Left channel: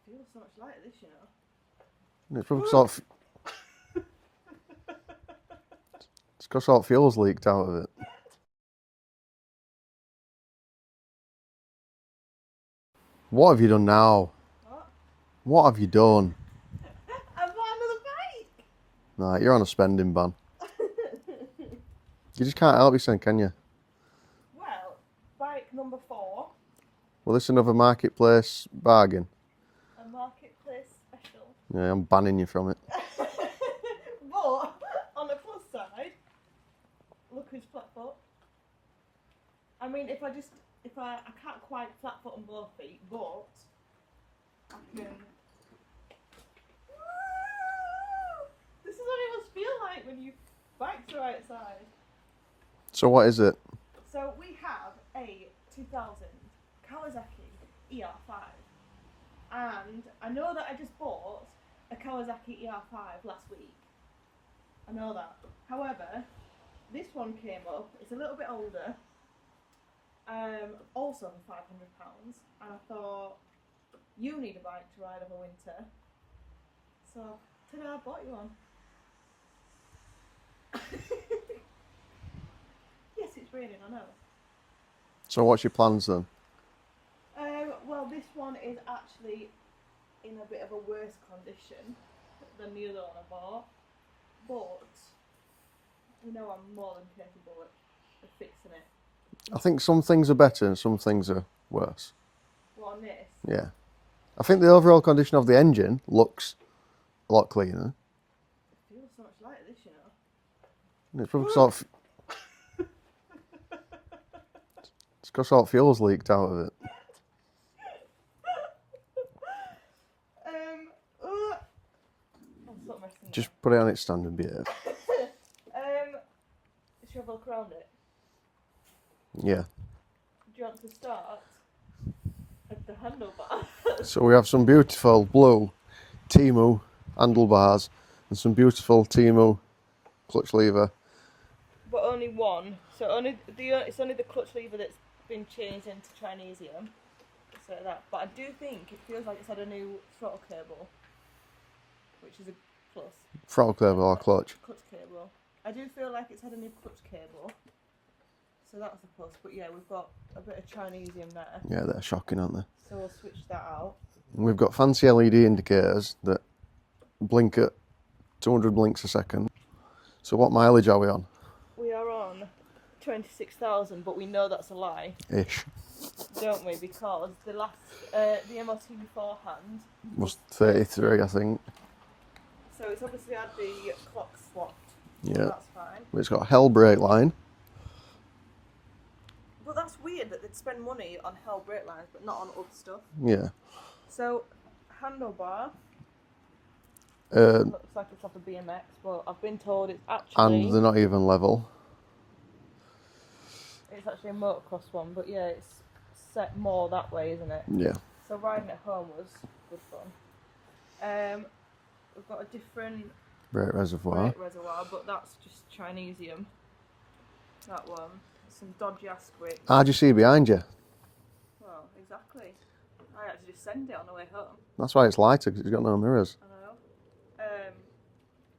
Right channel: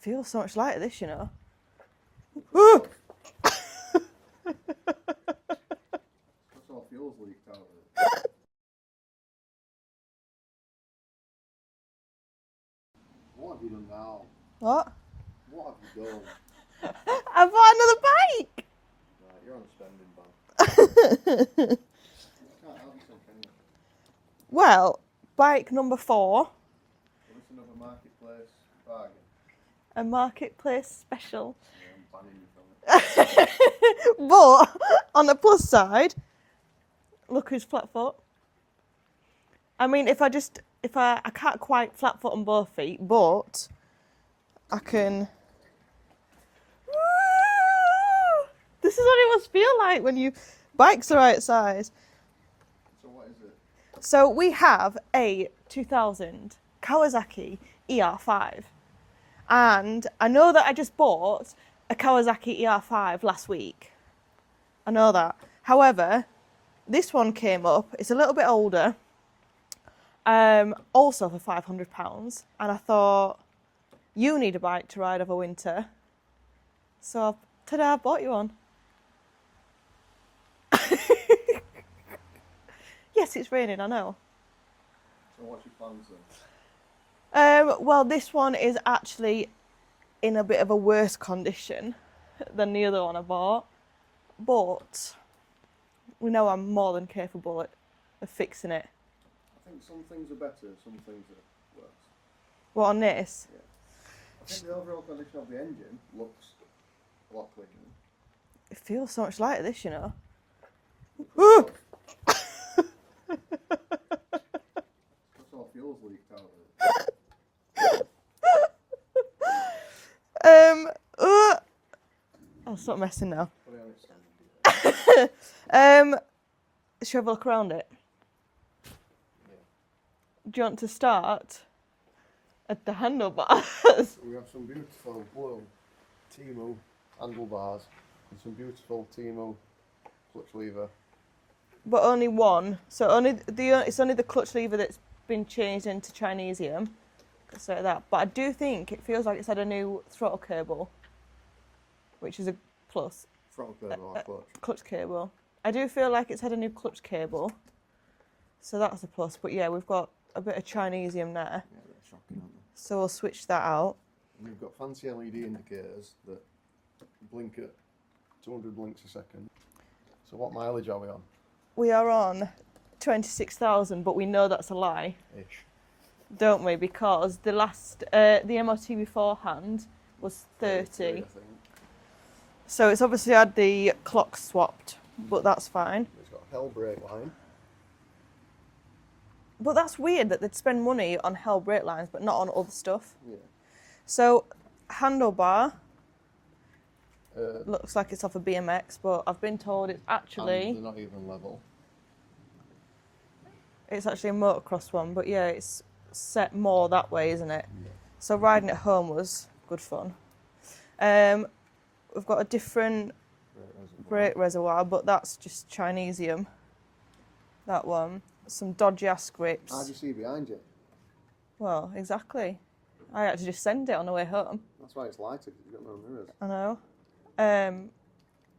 feels so much lighter, this, you know. It's probably sort of... It's got sort of fuels leaked out of it. What have you done now? What? What have you done? I bought another bike! Nah, you're on a spending ban. You just can't help yourself, can you? Well, bike number 4. Well, this is another marketplace bargain. A marketplace special. Yeah, I'm banning you from it. But, on the plus side, look who's flat foot. I mean, I can't quite flat foot on both feet, but I can... Woo! This is what it must feel like when you... Bike's the right size. So what is it? So we have a 2000 Kawasaki ER-5. And I know that I just bought a Kawasaki ER-5 last week. I know that. However, this one came up. It's a little bit older. Also for £500. And I thought, you need a bike to ride over winter. So, ta-da, I bought you one. Yes, it's raining, I know. So what's your plans then? Well, this one is actually in a bit of a worse condition than the other one I bought. But we know I'm more than capable of fixing it. I think some things are better and some things are worse. What, on this? Yeah. I think the overall condition of the engine looks a lot cleaner. It feels so much lighter, this, you know. It's probably sort of... It's got sort of fuels leaked out of it. I'll stop messing now. Just put it on its standard behaviour. Should we have a look around it? Yeah. Do you want to start at the handlebar? So we have some beautiful blue Timu handlebars and some beautiful Timu clutch lever. But only one. So it's only the clutch lever that's been changed into Chinesium. So that. But I do think it feels like it's had a new throttle cable, which is a plus. Throttle cable or clutch? Clutch cable. I do feel like it's had a new clutch cable. So that's a plus. But yeah, we've got a bit of Chinesium there. Yeah, they're shocking, aren't they? So we'll switch that out. And we've got fancy LED indicators that blink at 200 blinks a second. So what mileage are we on? We are on 26,000, but we know that's a lie. Ish. Don't we? Because the last, the MOT beforehand Was 33, I think. So it's obviously had the clock swapped, but Yeah. that's fine. It's got a hell brake line. But that's weird that they'd spend money on hell brake lines, but not on other stuff. Yeah. So handlebar looks like it's off a BMX, but I've been told it's actually... And they're not even level. It's actually a motocross one, but yeah, it's set more that way, isn't it? Yeah. So riding at home was good fun. We've got a different Brake reservoir. brake reservoir, but that's just Chinesium. That one. Some dodgy ass grips. How'd you see behind you? Well, exactly. I had to just send it on the way home. That's why it's lighter, because it's got no mirrors. I know.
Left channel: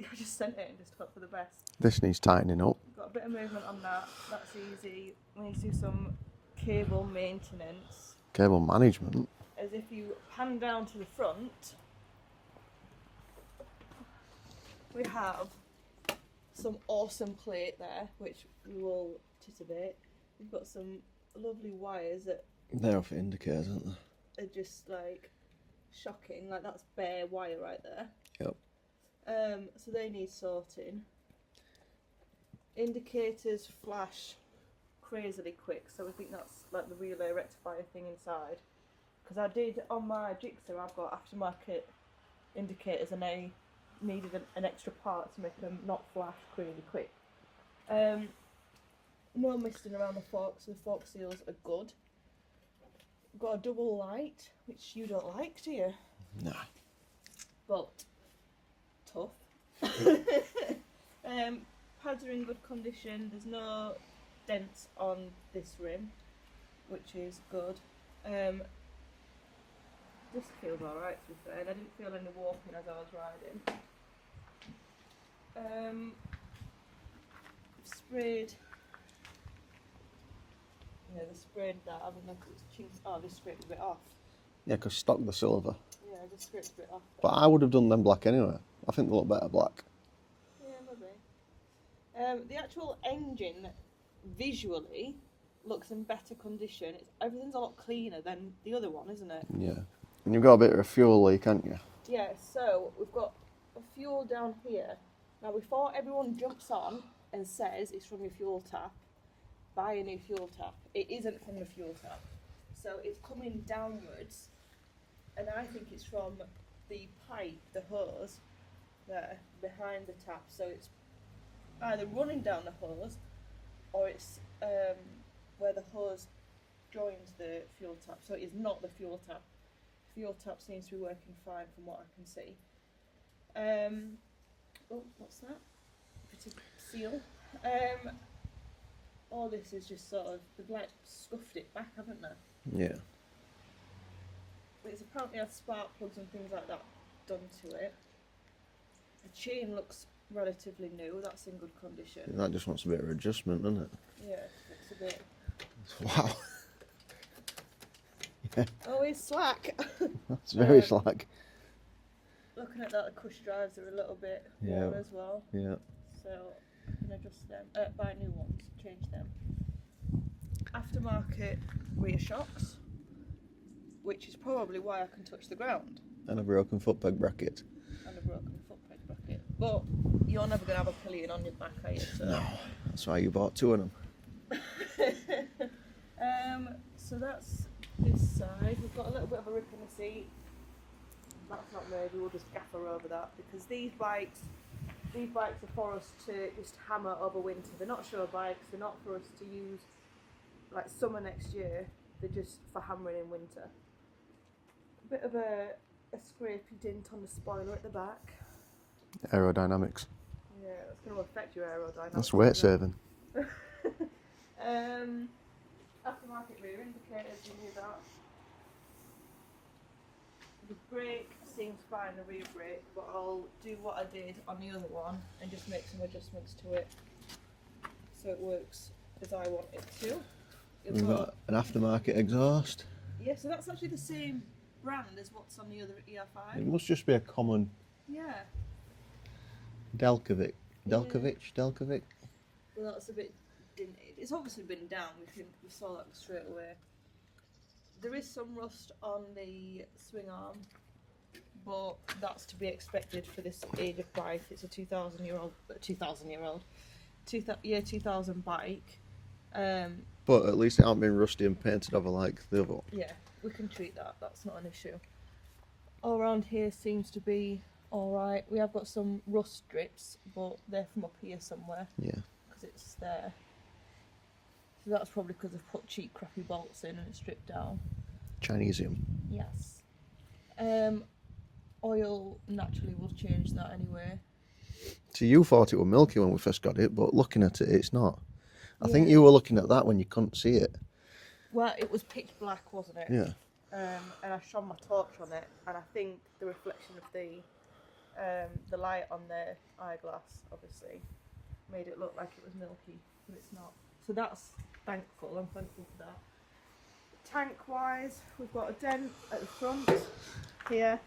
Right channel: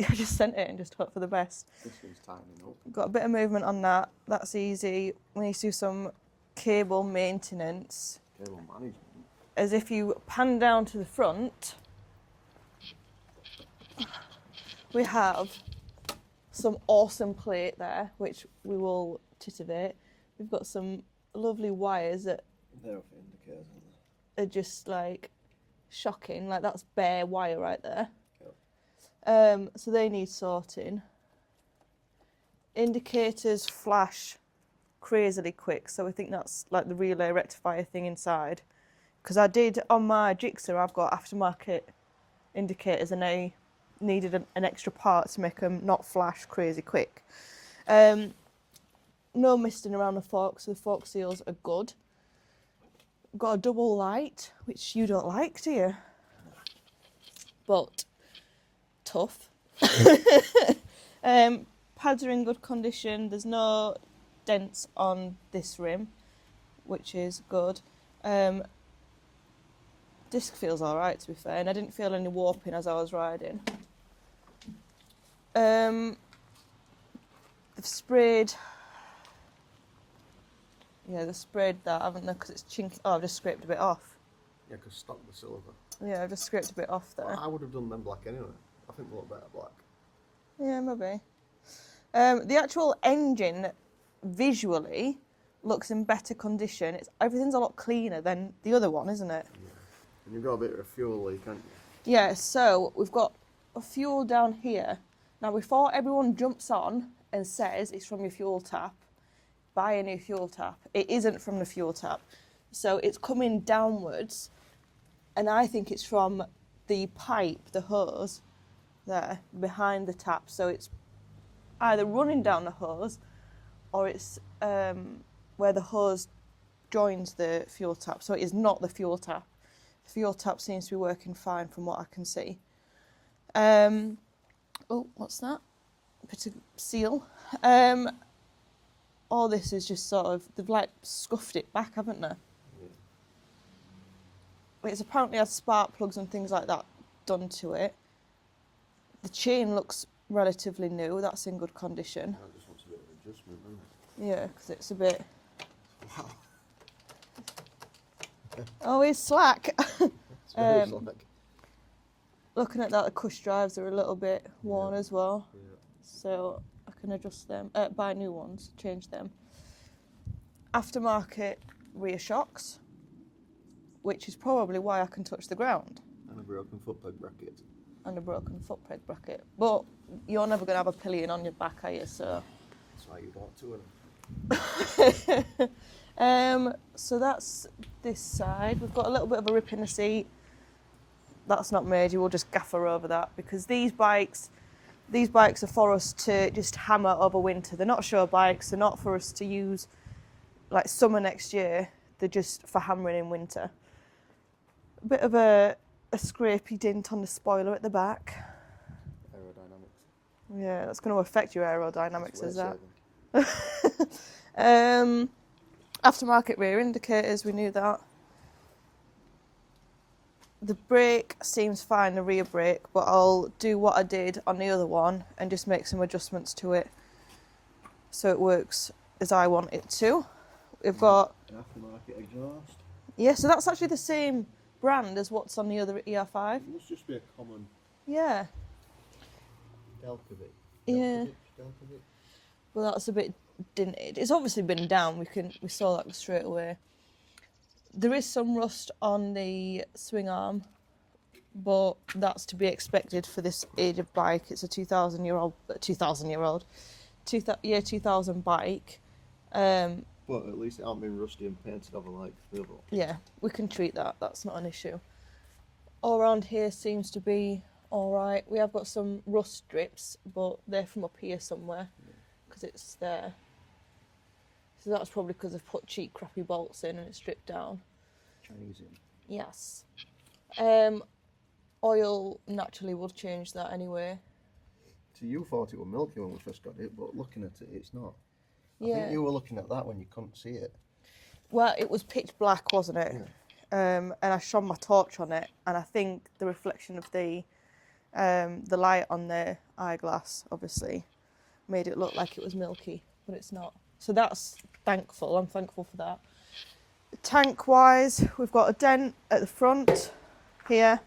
I just sent it and just hope for the best. This needs tightening up. Got a bit of movement on that. That's easy. We need to do some cable maintenance. Cable management. As if you pan down to the front, we have some awesome plate there, which we will titivate. We've got some lovely wires that They're off indicators, aren't they? are just like shocking. Like that's bare wire right there. Yep. So they need sorting. Indicators flash crazily quick, so we think that's like the relay rectifier thing inside. Because I did on my Gixxer, I've got aftermarket indicators and they needed an extra part to make them not flash crazy quick. No misting around the fork, so the fork seals are good. Got a double light, which you don't like, do you? No. But tough. Pads are in good condition. There's no dents on this rim, which is good. Disc feels alright, to be fair, and I didn't feel any warping as I was riding. They've sprayed... Yeah, they've sprayed that, haven't they? Because it's chinky. Oh, I've just scraped a bit off. Yeah, because stock the silver. Yeah, I've just scraped a bit off there. But I would have done them black anyway. I think they look better black. Yeah, maybe. The actual engine, visually, looks in better condition. Everything's a lot cleaner than the other one, isn't it? Yeah. And you've got a bit of a fuel leak, haven't you? Yeah, so we've got a fuel down here. Now, before everyone jumps on and says it's from your fuel tap, buy a new fuel tap. It isn't from the fuel tap. So it's coming downwards, and I think it's from the pipe, the hose, there, behind the tap. So it's either running down the hose, or it's where the hose joins the fuel tap. So it is not the fuel tap. The fuel tap seems to be working fine from what I can see. Oh, what's that? Bit of seal. All this is just sort of, they've like scuffed it back, haven't they? Yeah. It's apparently had spark plugs and things like that done to it. The chain looks relatively new. That's in good condition. That just wants a bit of adjustment, doesn't it? Yeah, because it's a bit... Wow. Yeah. Oh, it's slack. It's very slack. Looking at that, the cush drives are a little bit worn as well. Yeah. So I can adjust them, buy new ones, change them. Aftermarket rear shocks, which is probably why I can touch the ground. And a broken foot peg bracket. And a broken foot peg bracket. But you're never going to have a pillion on your back, are you? So. No, that's why you bought two of them. So that's this side. We've got a little bit of a rip in the seat. That's not major, we'll just gaffer over that, because these bikes are for us to just hammer over winter. They're not show bikes, they're not for us to use like summer next year, they're just for hammering in winter. A bit of a scrapey dint on the spoiler at the back. Aerodynamics. Yeah, that's going to affect your aerodynamics. That's weight saving. Aftermarket rear indicators, we knew that. The brake seems fine, the rear brake, but I'll do what I did on the other one and just make some adjustments to it so it works as I want it to. We've got an aftermarket exhaust. Yeah, so that's actually the same brand as what's on the other ER-5. It must just be a common Yeah. Delkovic. Delkovic. Well, that's a bit dinted. It's obviously been down. We saw that straight away. There is some rust on the swing arm, but that's to be expected for this age of bike. It's a 2000 bike. But at least it hasn't been rusty and painted over like the other one. Yeah, we can treat that. That's not an issue. All around here seems to be all right. We have got some rust strips, but they're from up here somewhere. Yeah. Because it's there. So that's probably because I've put cheap, crappy bolts in and it's stripped down. Chinesium. Yes. Oil naturally will change that anyway. So you thought it was milky when we first got it, but looking at it, it's not. I think Yeah. you were looking at that when you couldn't see it. Well, it was pitch black, wasn't it? Yeah. And I shone my torch on it, and I think the reflection of the light on the eyeglass obviously made it look like it was milky, but it's not. So that's thankful. I'm thankful for that. Tank-wise, we've got a dent at the front here.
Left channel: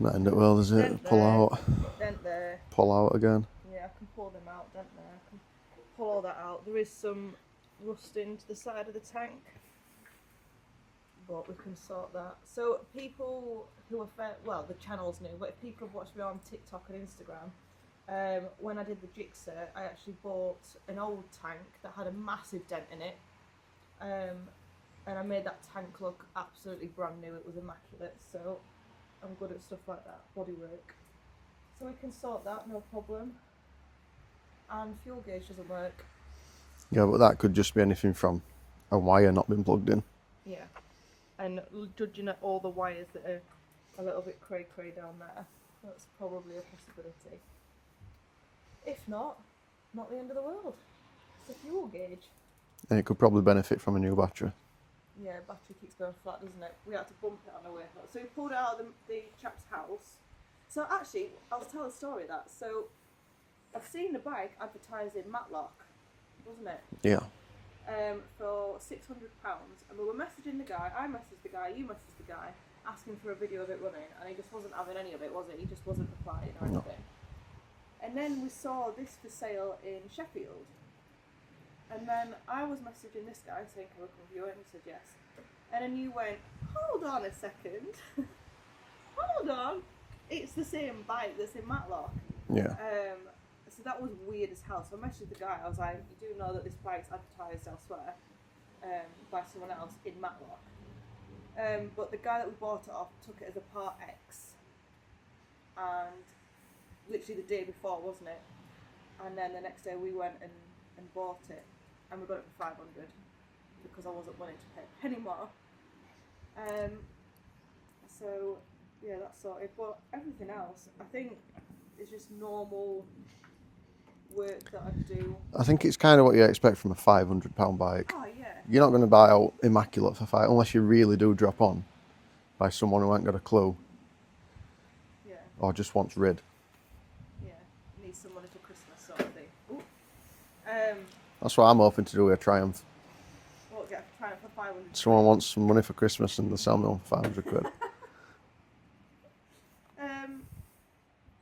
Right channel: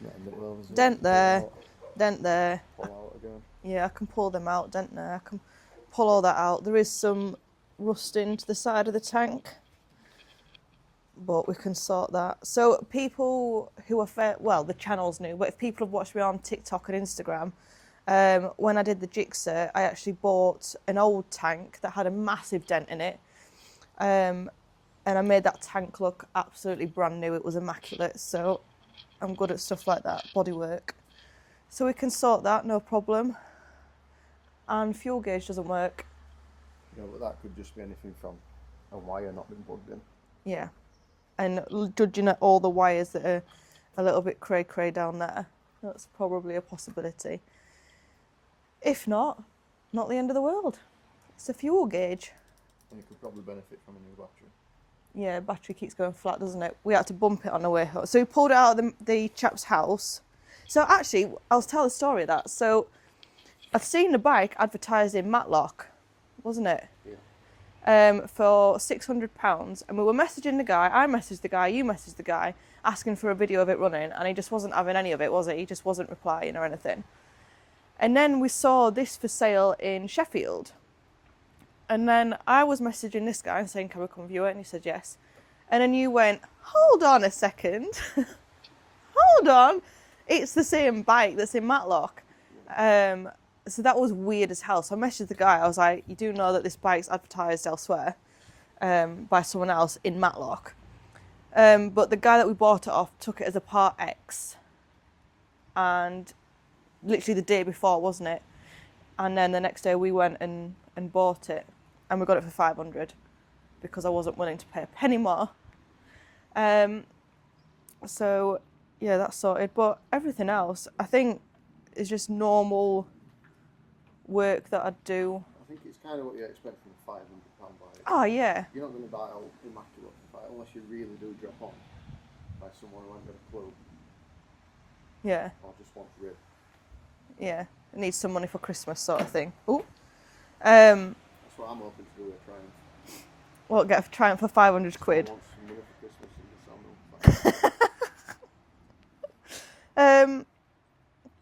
Not end it well, does it? Dent there. Pull out. Dent there. Pull out again. Yeah, I can pull them out. Dent there. I can pull all that out. There is some rusting to the side of the tank, but we can sort that. So people who are the channel's new, but if people have watched me on TikTok and Instagram, when I did the jigsaw, I actually bought an old tank that had a massive dent in it, and I made that tank look absolutely brand new. It was immaculate, so I'm good at stuff like that, bodywork. So we can sort that, no problem. And fuel gauge doesn't work. Yeah, but that could just be anything from a wire not being plugged in. Yeah. And judging at all the wires that are a little bit cray down there, that's probably a possibility. If not the end of the world. It's a fuel gauge. And it could probably benefit from a new battery. Yeah, battery keeps going flat, doesn't it? We had to bump it on the way home. So we pulled it out of the chap's house. So actually, I'll tell the story of that. So I'd seen the bike advertised in Matlock, wasn't it? Yeah. For £600, and we were messaging the guy. I messaged the guy, you messaged the guy, asking for a video of it running, and he just wasn't having any of it, was he? He just wasn't replying or anything. And then we saw this for sale in Sheffield. And then I was messaging this guy and saying, can we come view it? And he said yes. And then you went, hold on a second. Hold on. It's the same bike that's in Matlock. Yeah. So that was weird as hell. So I messaged the guy. I was like, you do know that this bike's advertised elsewhere by someone else in Matlock. But the guy that we bought it off took it as a Part X. And literally the day before, wasn't it? And then the next day we went and bought it. And we got it for 500 because I wasn't willing to pay a penny more. So, yeah, that's sorted. But everything else, I think, is just normal work that I'd do. I think it's kind of what you expect from a £500 bike. Oh, yeah. You're not going to buy out immaculate for five unless you really do drop on by someone who ain't got a clue Yeah, or just wants rid. yeah. It needs some money for Christmas sort of thing. Ooh. That's what I'm hoping to do with a Triumph. Well, get a Triumph for 500 Someone quid. wants some money for Christmas and they'll sell me one for 500 quid.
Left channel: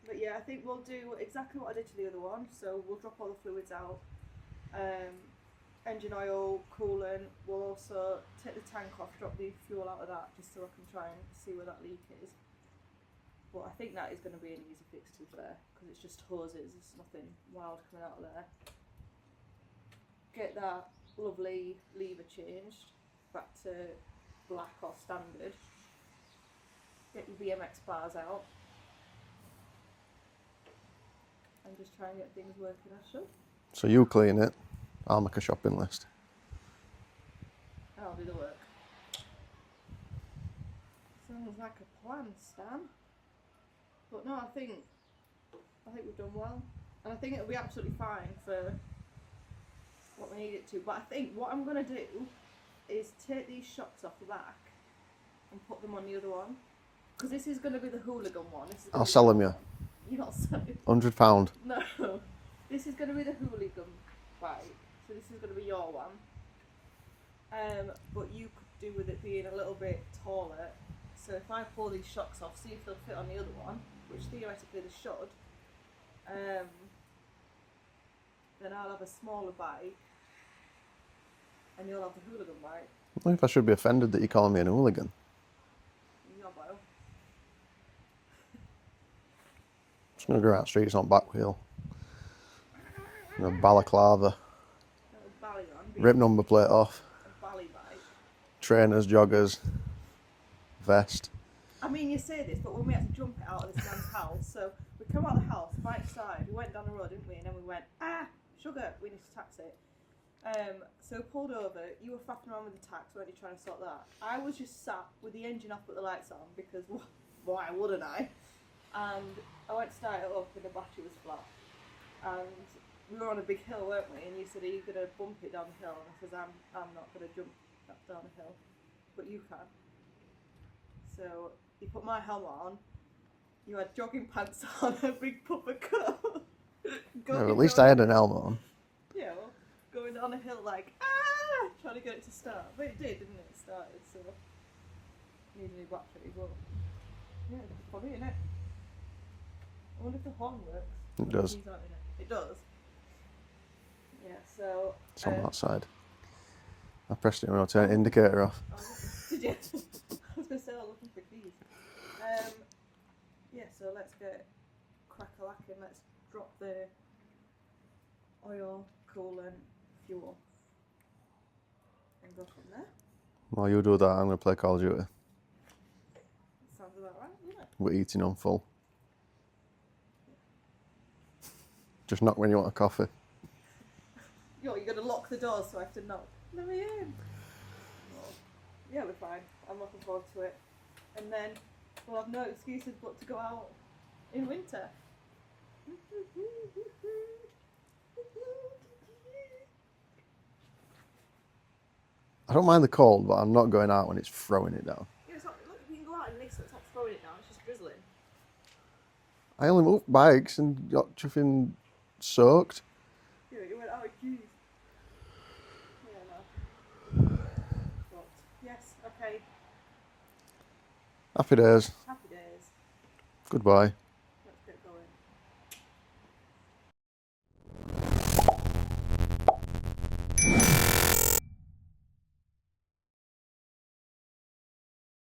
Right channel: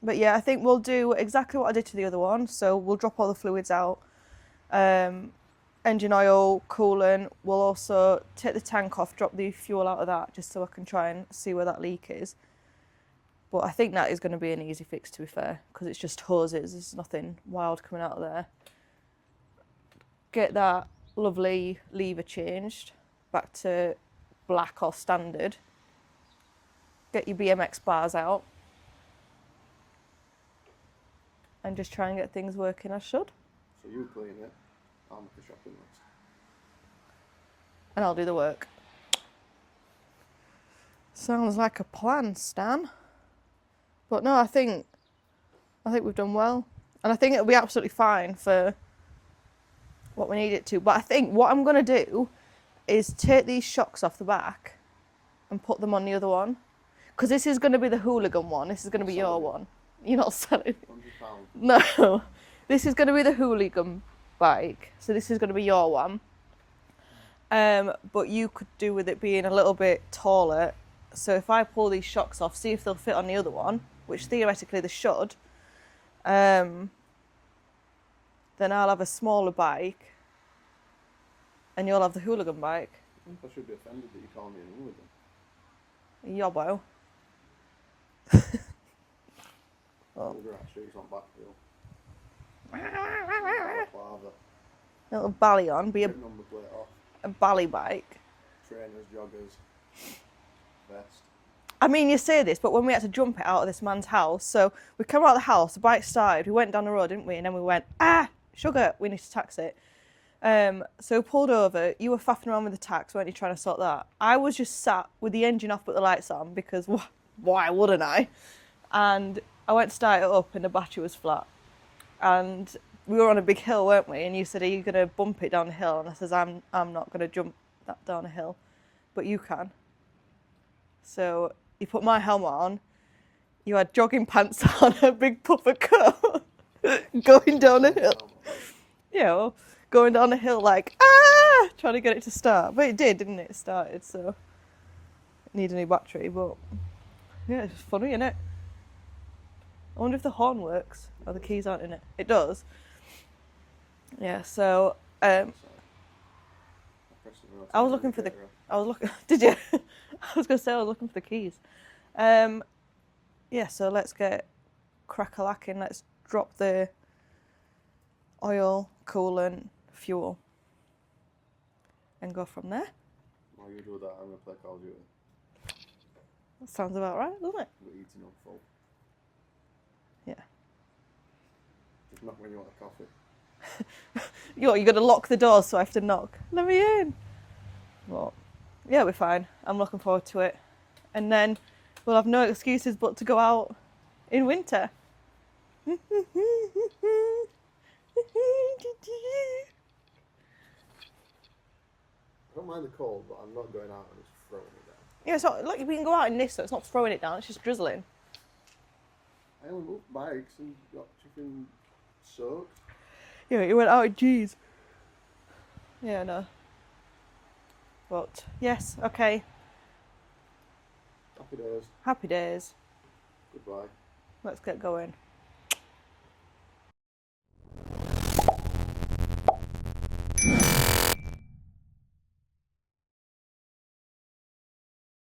But yeah, I think we'll do exactly what I did to the other one. So we'll drop all the fluids out. Engine oil, coolant. We'll also take the tank off, drop the fuel out of that, just so I can try and see where that leak is. But I think that is going to be an easy fix, to be fair, because it's just hoses. There's nothing wild coming out of there. Get that lovely lever changed back to black or standard. Get your BMX bars out. And just try and get things working as should. So you clean it, I'll make a shopping list. And I'll do the work. Sounds like a plan, Stan. But no, I think we've done well. And I think it'll be absolutely fine for what we need it to. But I think what I'm going to do is take these shocks off the back and put them on the other one. Because this is going to be the hooligan one. This is going to be sell your them, yeah. one. You're not selling. £100. No. This is going to be the hooligan bike. So this is going to be your one. But you could do with it being a little bit taller. So if I pull these shocks off, see if they'll fit on the other one, which theoretically they should, then I'll have a smaller bike and you'll have the hooligan bike. I wonder if I should be offended that you're calling me an hooligan. Yobbo. Just going to go around the streets on back wheel. Balaclava. A little bally on, be Rip number plate off. a bally bike. Trainers, joggers, vest. I mean, you say this, but when we had to jump it out of this man's house, so we came out of the house, the bike started, we went down the road, didn't we? And then we went, sugar, we need to tax it. So we pulled over, you were faffing around with the tax, weren't you, trying to sort that? I was just sat with the engine off but the lights on, because why wouldn't I? And I went to start it up and the battery was flat. And we were on a big hill, weren't we? And you said, are you going to bump it down the hill? And I says, I'm not going to jump that down a hill, but you can. So you put my helmet on, you had jogging pants on, a big puffer coat, going At least down I the had an hill. helmet on. You know, going down the hill like, trying to get it to start. But it did, didn't it? It started, so need a new battery, but yeah, it's funny, isn't it? I wonder if the horn works. It Or does. the keys aren't in it. It does. Yeah, so It's on that side. I pressed it when I turned the looking for indicator off. I was looking. Did you? I was going to say I was looking for the keys. Yeah, so let's get crack-a-lacking. Let's drop the oil, coolant, fuel, and go from there. While you do that, I'm going to play Call of Duty. That sounds about right, doesn't it? We're eating on full. Yeah. Just knock when you want a coffee. You're going to lock the door, so I have to knock. Let me in. Well, yeah, we're fine. I'm looking forward to it. And then we'll have no excuses but to go out in winter. I don't mind the cold, but I'm not going out when it's throwing it down. Yeah, it's not like we can go out in this, so it's not throwing it down. It's just drizzling. I only moved bikes and got chuffing soaked. Yeah, you went out in jeans. Yeah, no. But yes, okay. Happy days. Happy days. Goodbye. Let's get going.